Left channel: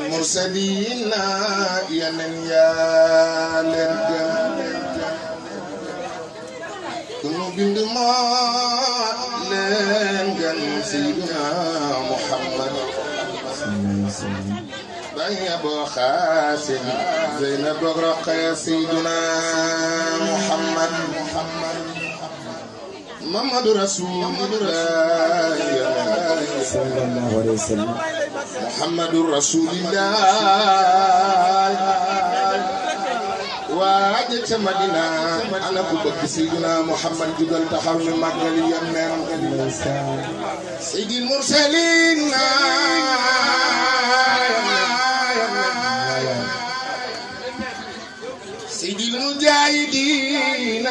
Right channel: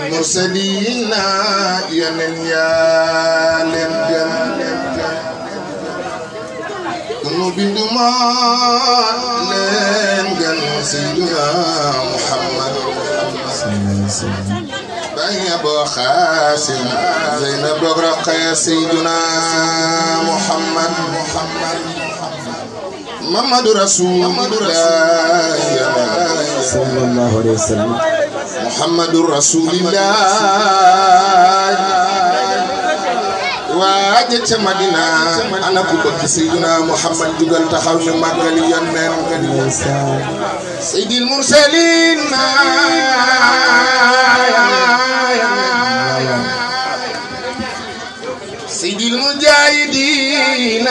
المرسلين يا لمجن كنو بندما لمجن سيدنا محمد بني أبو خاسم زينب رقية سيدنا محمد محمد رسول الله صلى الله عليه وسلم محمد رسول الله واجت مدينة أنا كبك سيدنا محمد جل تحول مقالي ينن سيد المرسلين سيد المجاهدين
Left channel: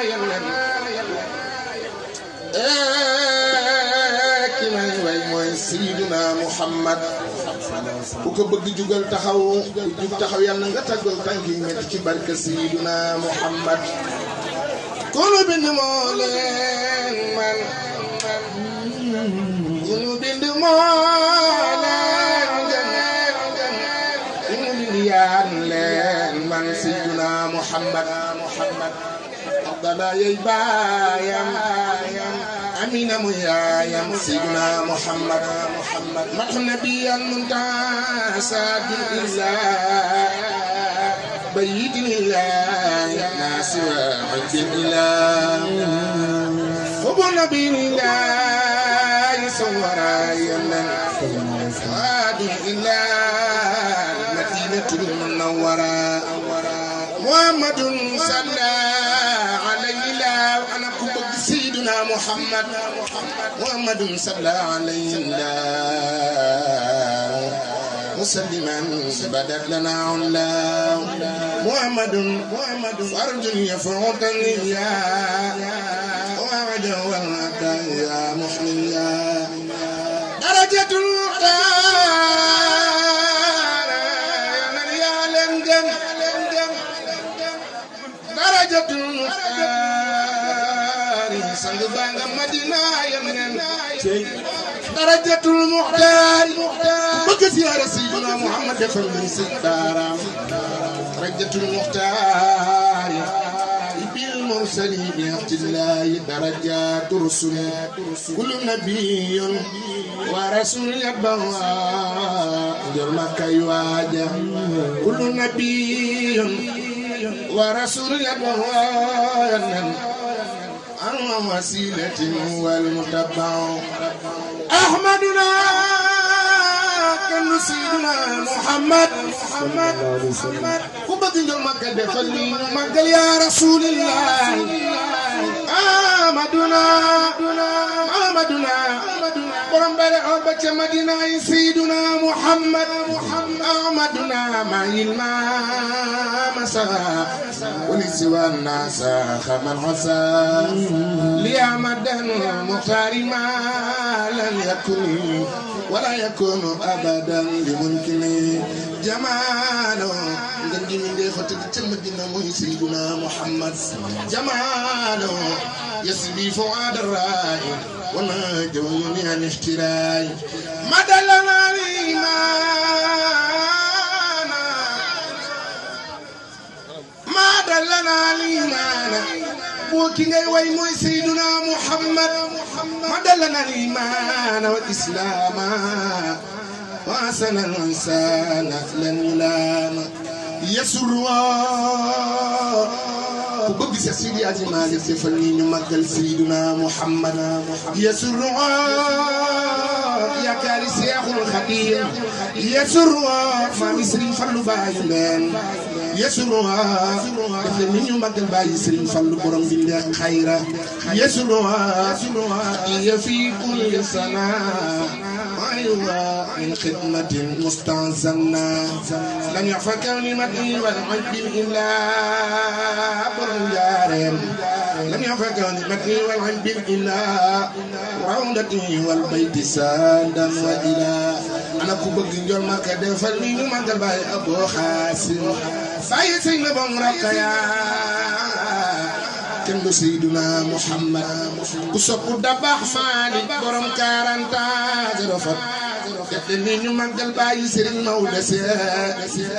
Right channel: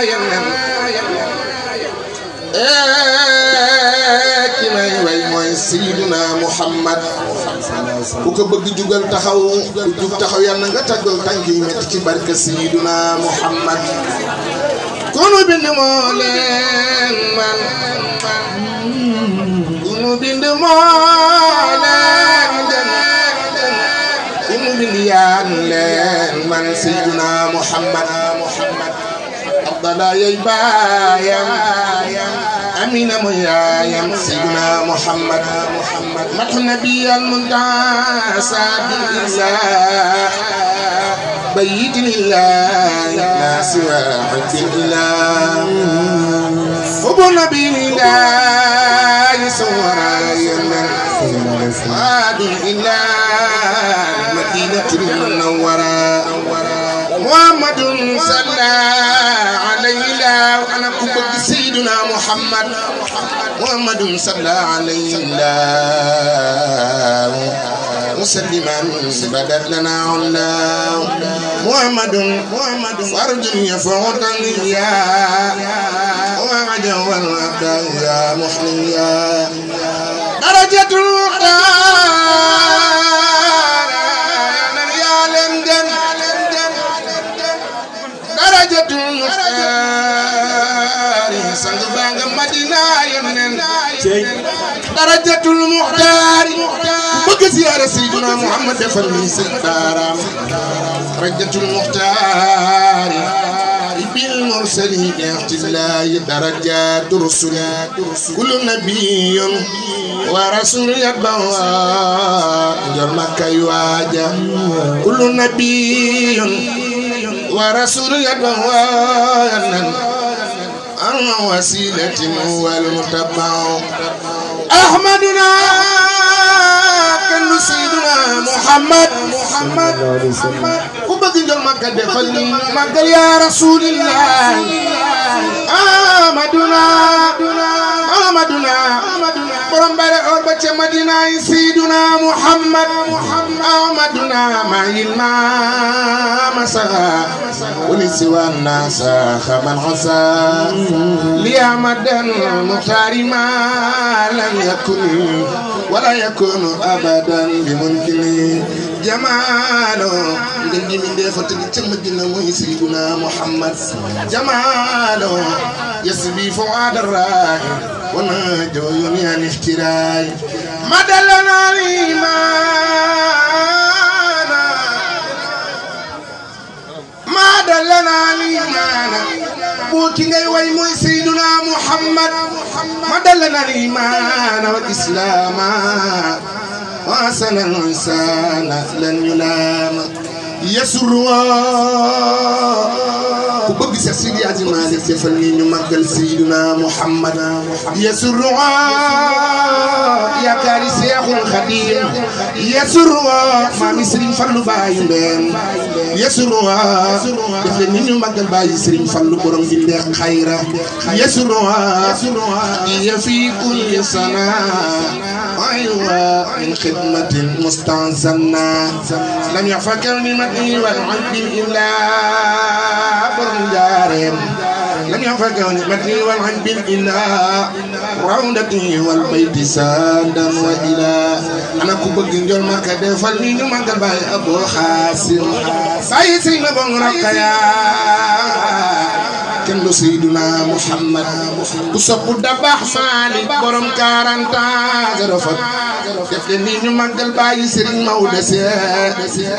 ينن سيدنا محمد وكو بغ جوغال تاخاو جوغ تاخاو يالنا nga taggal tanki metti ci barke سيدنا محمد كونو بند موlen man كونو بند موlen كونو بند يان len man سيدنا محمد افضل يبايام أمين ميايم سيدنا محمد مدح النبي المنتهى سابق الله بيت لله ما سوى حب الله حب النبي لله سورا يمن وادي الله مدينة المنورة محمد صلى عليه وأنا كبك سيدنا محمد محمد صلى عليه مسلما بدت لنا علاه محمد فرد يفوت النيا وعجو الأبدان يا محليا درجة المختار يا لندن درجة المختار سنبان مدينة يمن درجة المختار بك زيارة سيدنا محمد فلمي سيدنا درجة المختار بالمرسلين يأتي الله درجات رسل كل نبي ورسول يتبوى جرمك يواجه كل نبي ورسول يتبوى أما وسيلة هو المتبع أحمدنا كن سيدنا محمد وبقي جرمك دفلني مقل يا رسول الله أحمدنا برم بلغ أربعة مدينة سيدنا محمد أحمدنا ما يلما مسغا ولسوى الناس خمن عصا لأحمد المختار ما لم يكن ولا يكون أبدا بممكن جماله ngeen di mindee fa tëdd ca Madina mooy Seydina Muhammad jamaalo yasbi fuad ar-ra'i wa najun ya iftirai madallana al-imana bu ki ngay way mooy Seydina Muhammad madallana al-imana wal islama wa sanal insana lan yulama يسروا وبقي سيدي أجمالي تفلني مقل سيدنا محمد يسروا يا كاري سيخ الخديم يسروا ما مصري فلو باين يسروا تفلني مقل باي سرين فلو برم جندق خيرا يسروا في كل سنة أيوة من خدمة مستعزنا لم يفكرني مدني والعب إلا برجارهم لم يفكرني مدني والعب إلا روضتي والبيت سادا وإلى أنا كوبك جنجل ما كده فلني ما كباي أبو خاسم باي سينا بنغرق يا kenn du Seydina Muhammad ku soppu Dabakh Malik borom 40 ans rafet def leen ni ñu màggal bàyyi Serigne Maodo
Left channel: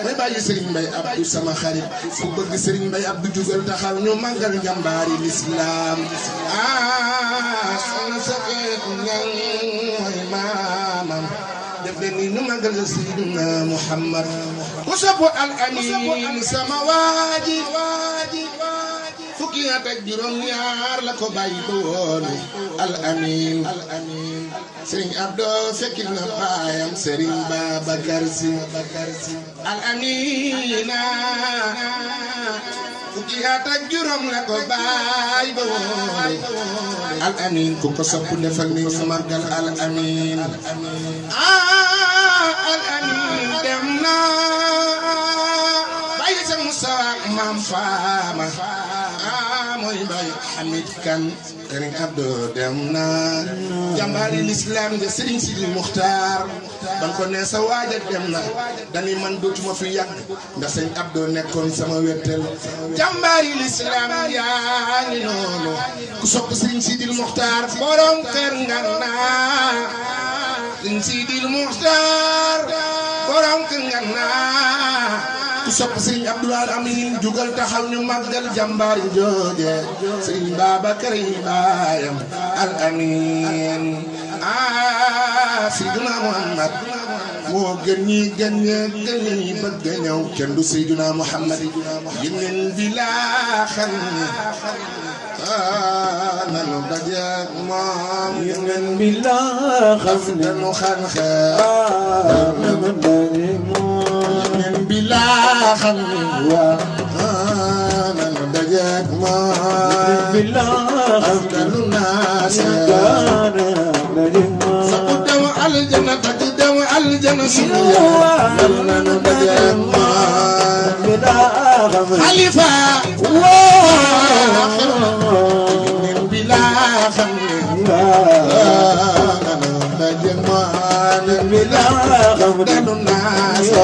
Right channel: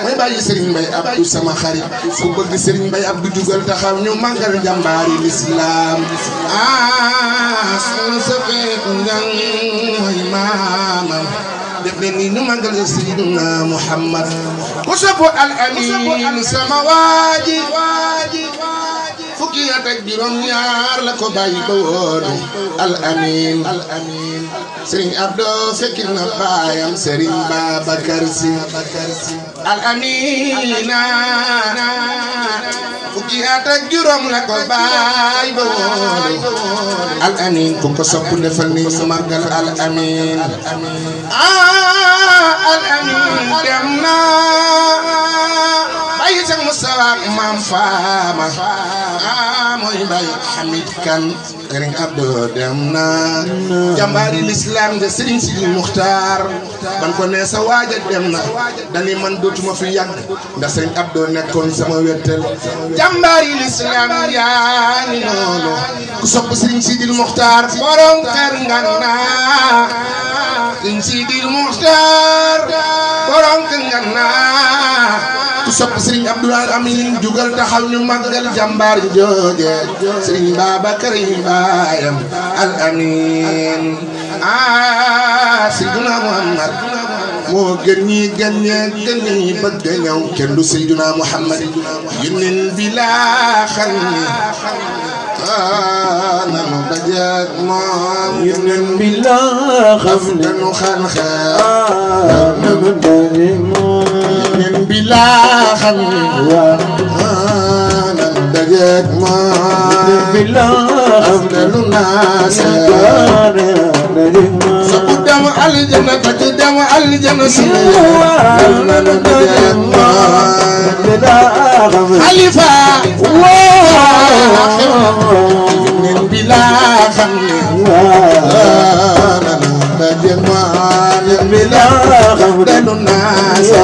may bàyyi Serigne Mbaye Abdou sama xarit ku bëgg Serigne Mbaye Abdou jugal taxaw ñu màggal jàmbaari l'islam soxna sa fekk ngang mooy maamam def leen ni ñu màggal Seydina Muhammad ku soppu al amin sama waaji fukki at ak juróom ñaar la ko bàyyi ba woon al amin Serigne Abdou fekkil na baayam Serigne Babacar Sy al amina fukki at ak juróom la ko bàyyi ba woon al amin ku ko sopp defal ni ñu màggal al amin al amin dem na bàyyi sa Musa maam Faama mooy bàyyi Hamid Kan Serigne Abdou dem na jàmbaari l'islam nga Serigne Sidi Muxtaar ban ko ne sa waaja dem na dani man dootuma fi yàgg ndax Serigne Abdou nekkoon sama wettel jàmbaari l'islam yaa ngi noonu ku sopp Serigne Sidi Muxtaar borom kër Ngana Serigne Sidi Muxtaar borom kër Ngana ku sopp Serigne Abdou Amin jugal taxaw ñu màggal jàmbaar jooje Serigne Babacar yi baayam al amin Seydina Muhammad moo gën ñi gën ñi bëgg a ñëw kenn du Seydina Muhammad yónneen bi laa xam ni nanu dajeek moom yónneen bi laa xam ni danu xan nanu dajeek moom bila xam ni nanu dajeek moom bila xam ne lu naase sopp dem aljana tak dem aljana sunu nanu dajeek moom xalifa min bila xam ni nanu dajeek moom bila xam ne lu naase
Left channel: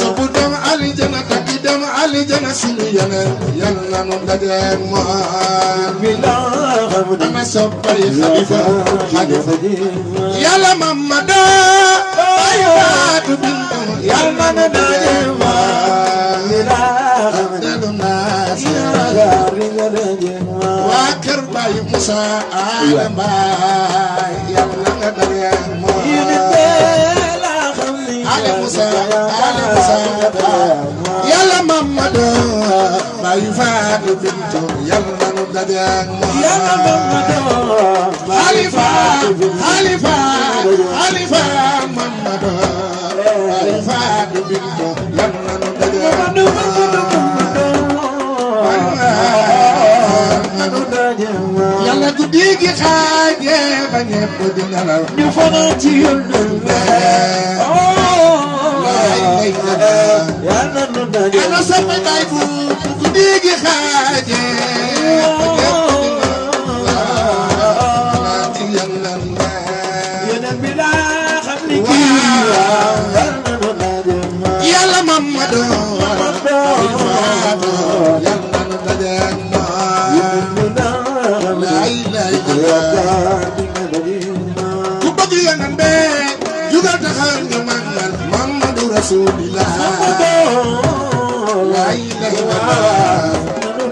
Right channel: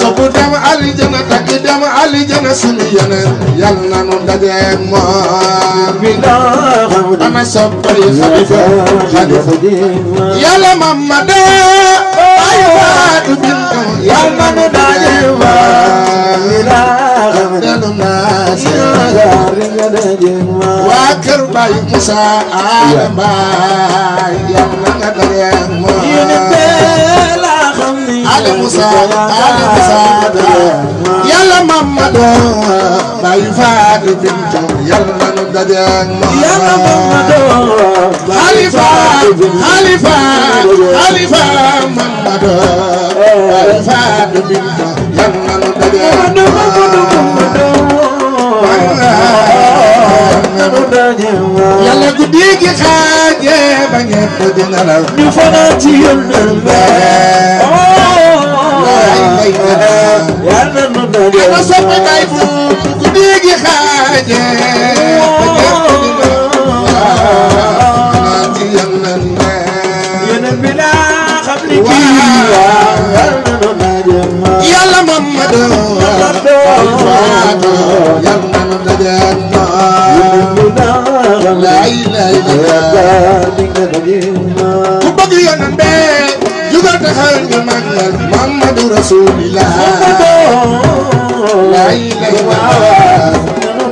sopp dem aljana tak dem aljana sunu yeneen yal na nu dajeek moom bila xam ana soppay xalifa yàlla Mamadu ay waatu bintu yal na nu dajeek moom bila xam delu naase waa kër Baay Musa Adama yal na nga dajeek moom Ale Musa yàlla Mamadu Baay Faatu bintu yal na nu dajeek moom yàlla Mamadu Halifa Mamadu Baay Faatu bintu yal na nu dajeek yàlla guddi gi xaaje ba ñëpp di nelaw ñu fanaan ci yónneen ba yàlla nu daje ana soppe Baay fu guddi gi xaaje ba ñëpp di nelaw ci yónneen ba yónneen bi laa xam ni kii yàlla nu daje yàlla Mamadu Baay Faatu yal na nu dajeek ku bëgg yonent bi jugal taxaw ñu màggal Muhammadu Rasulillah la ilaha ku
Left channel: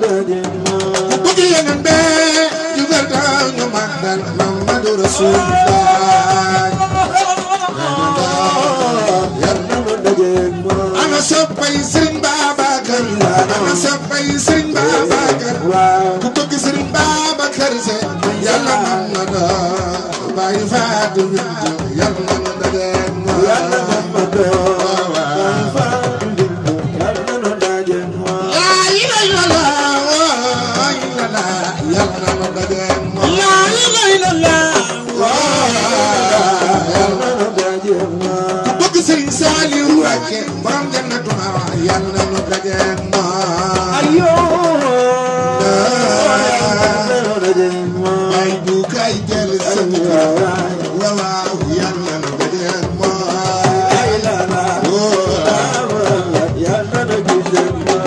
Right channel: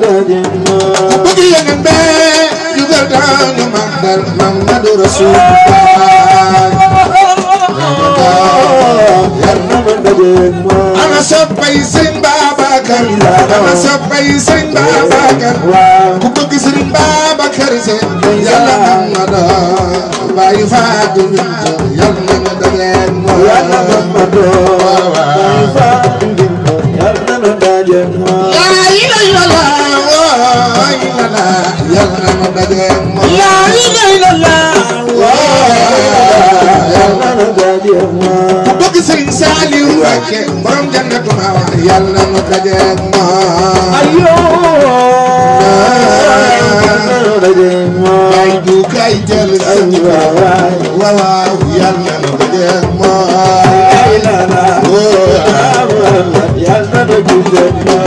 bëgg yonent bi jugal taxaw ñu màggal Muhammadu Rasulillah ana soppay Serigne Babacar ana soppay Serigne Babacar ku bëgg Serigne Babacar yàlla Mamadu Baay Faatu bintu yal na nu dajeek moom yàlla Mamadu Baay Faatu bintu yàlla nu dajeek moom laa ilaaha illallaah yal na nu dajeek moom laa ilaaha illallaah yàlla nu dajeek moom ku bëgg Serigne Saliou Mbacké borom jannatu ma'wa yal na nu dajeek moom ayoo ay du kay jël waaw yal na nu dajeek moom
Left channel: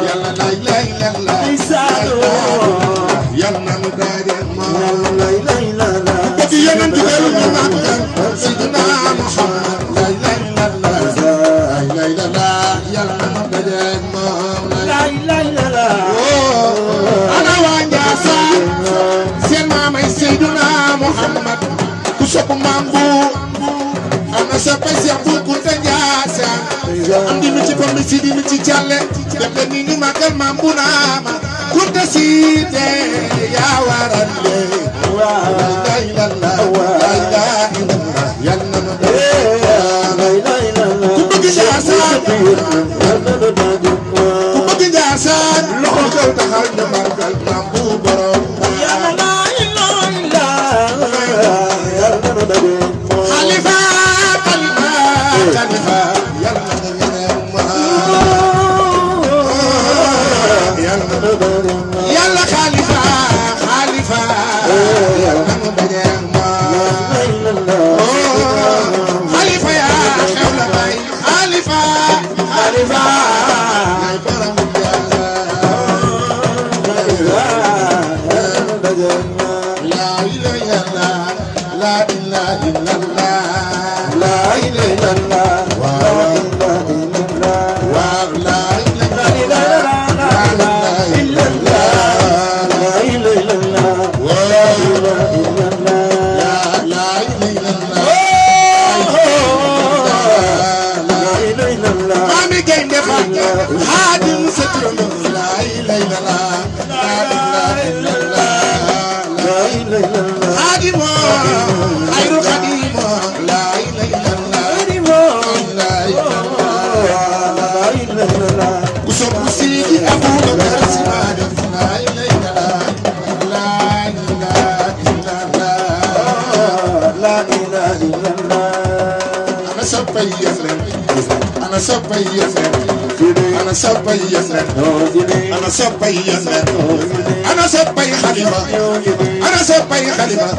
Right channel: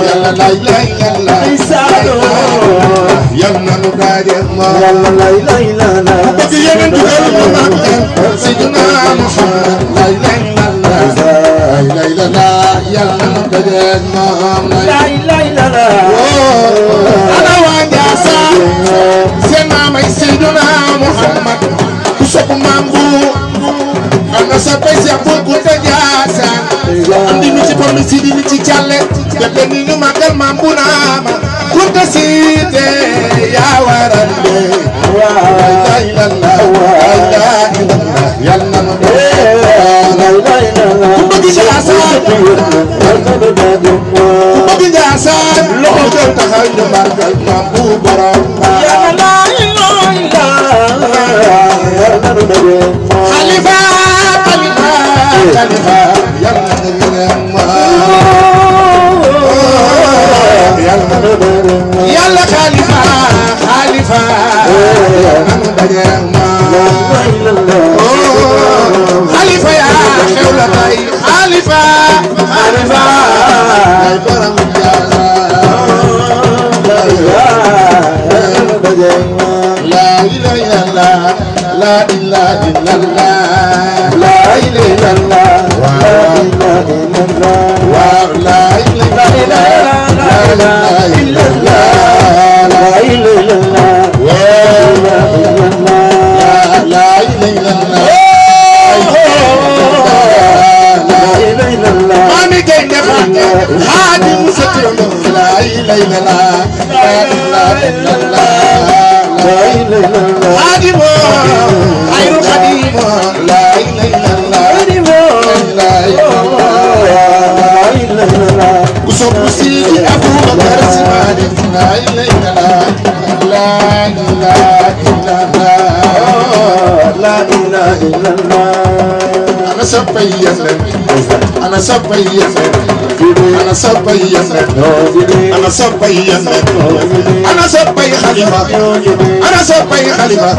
yàlla lay lay yàlla ana sa bay Seex Bu Kunta Njaasaan andi ñu ci pam si di ñu ci jàlle def leen ni ñu màggal maam bu naama Kunta Siite yaa waral de la ilaha illallah yàlla na nu ku bëgg Njaasaan ku bëgg Njaasaan loxo jël taxaw ñu màggal maam bu borom Khalifa Khalifa Khalifa yàlla Khalifa Khalifa Khalifa yaa xew la tay Khalifa Khalifa ay borom la ilaha illallah la ilaha illallah la ilaha illallah ana soppay Khalifa ana soppay Khalifa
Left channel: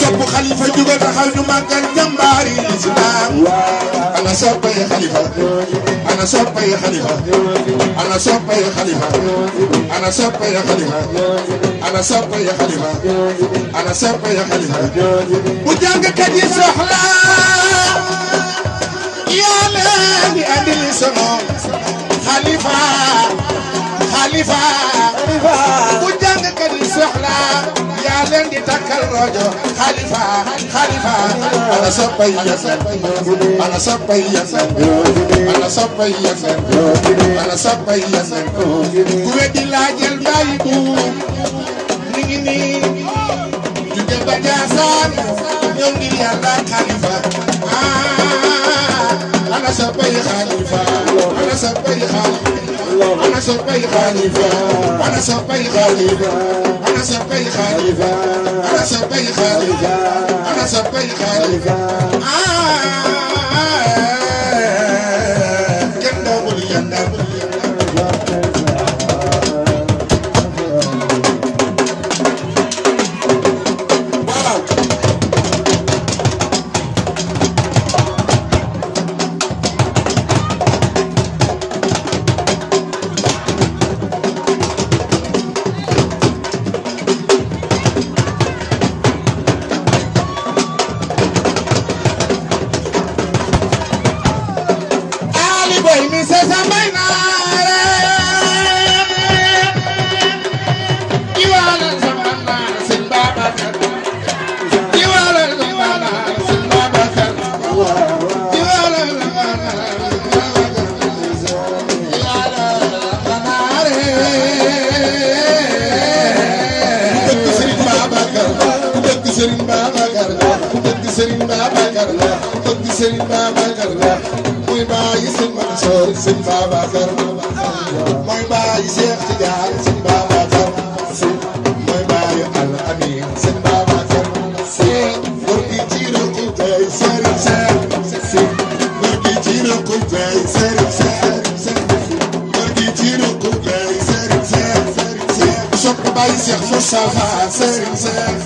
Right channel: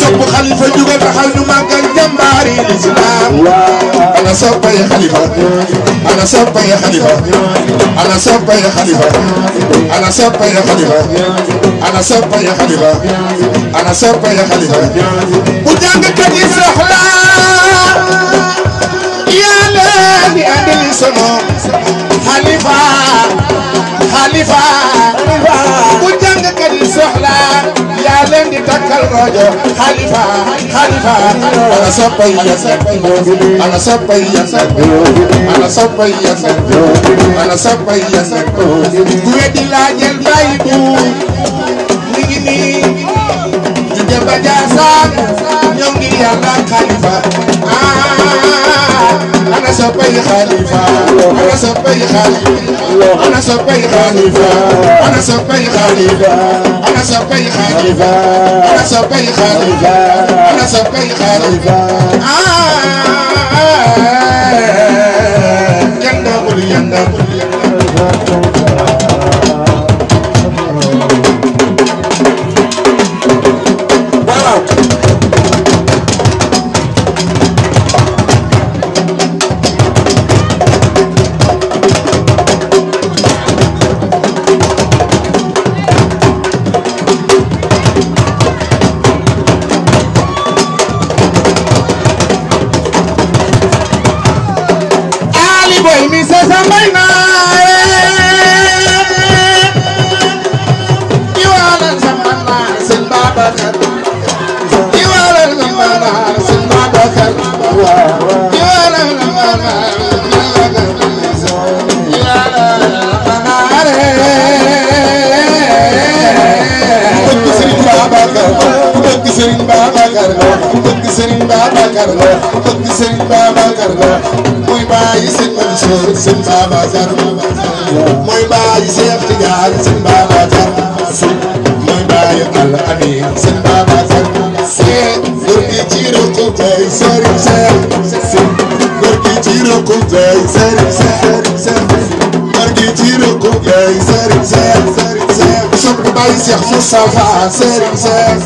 sopp Khalifa jugal taxaw ñu màggal jàmbaari l'islam ana soppay Khalifa ana soppay Khalifa ana soppay Khalifa ana soppay Khalifa ana soppay Khalifa ana soppay Khalifa bu jàngkat yi soxla yàlla di andil sama Khalifa Khalifa bu jàngkat yi soxla yaa leen di takkal rajo Khalifa Khalifa ana soppay Yonent ana soppay Yonent ana soppay Yonent ana soppay Yonent ku weddi laajal bàyyi bu mi ngi nii di dem ba Njaasaan ñëw ngir Yàlla Khalifa ana soppay Khalifa ana soppay Khalifa ana soppay Khalifa ana soppay Khalifa ana soppay Khalifa ana soppay Khalifa ana soppay Khalifa yanda bul yanda mooy bàyyi Sëñ Mansour Sëñ Babacar mooy bàyyi Seex Tijaan Sëñ Babacar mooy bàyyi Al Amin Sëñ Babacar góor gi ci rëkku tey Sëriñ Seex góor gi ci rëkku tey Sëriñ Seex góor gi ci rëkku tey Sëriñ Seex sopp bàyyi Seex Moustapha Sëriñ Seex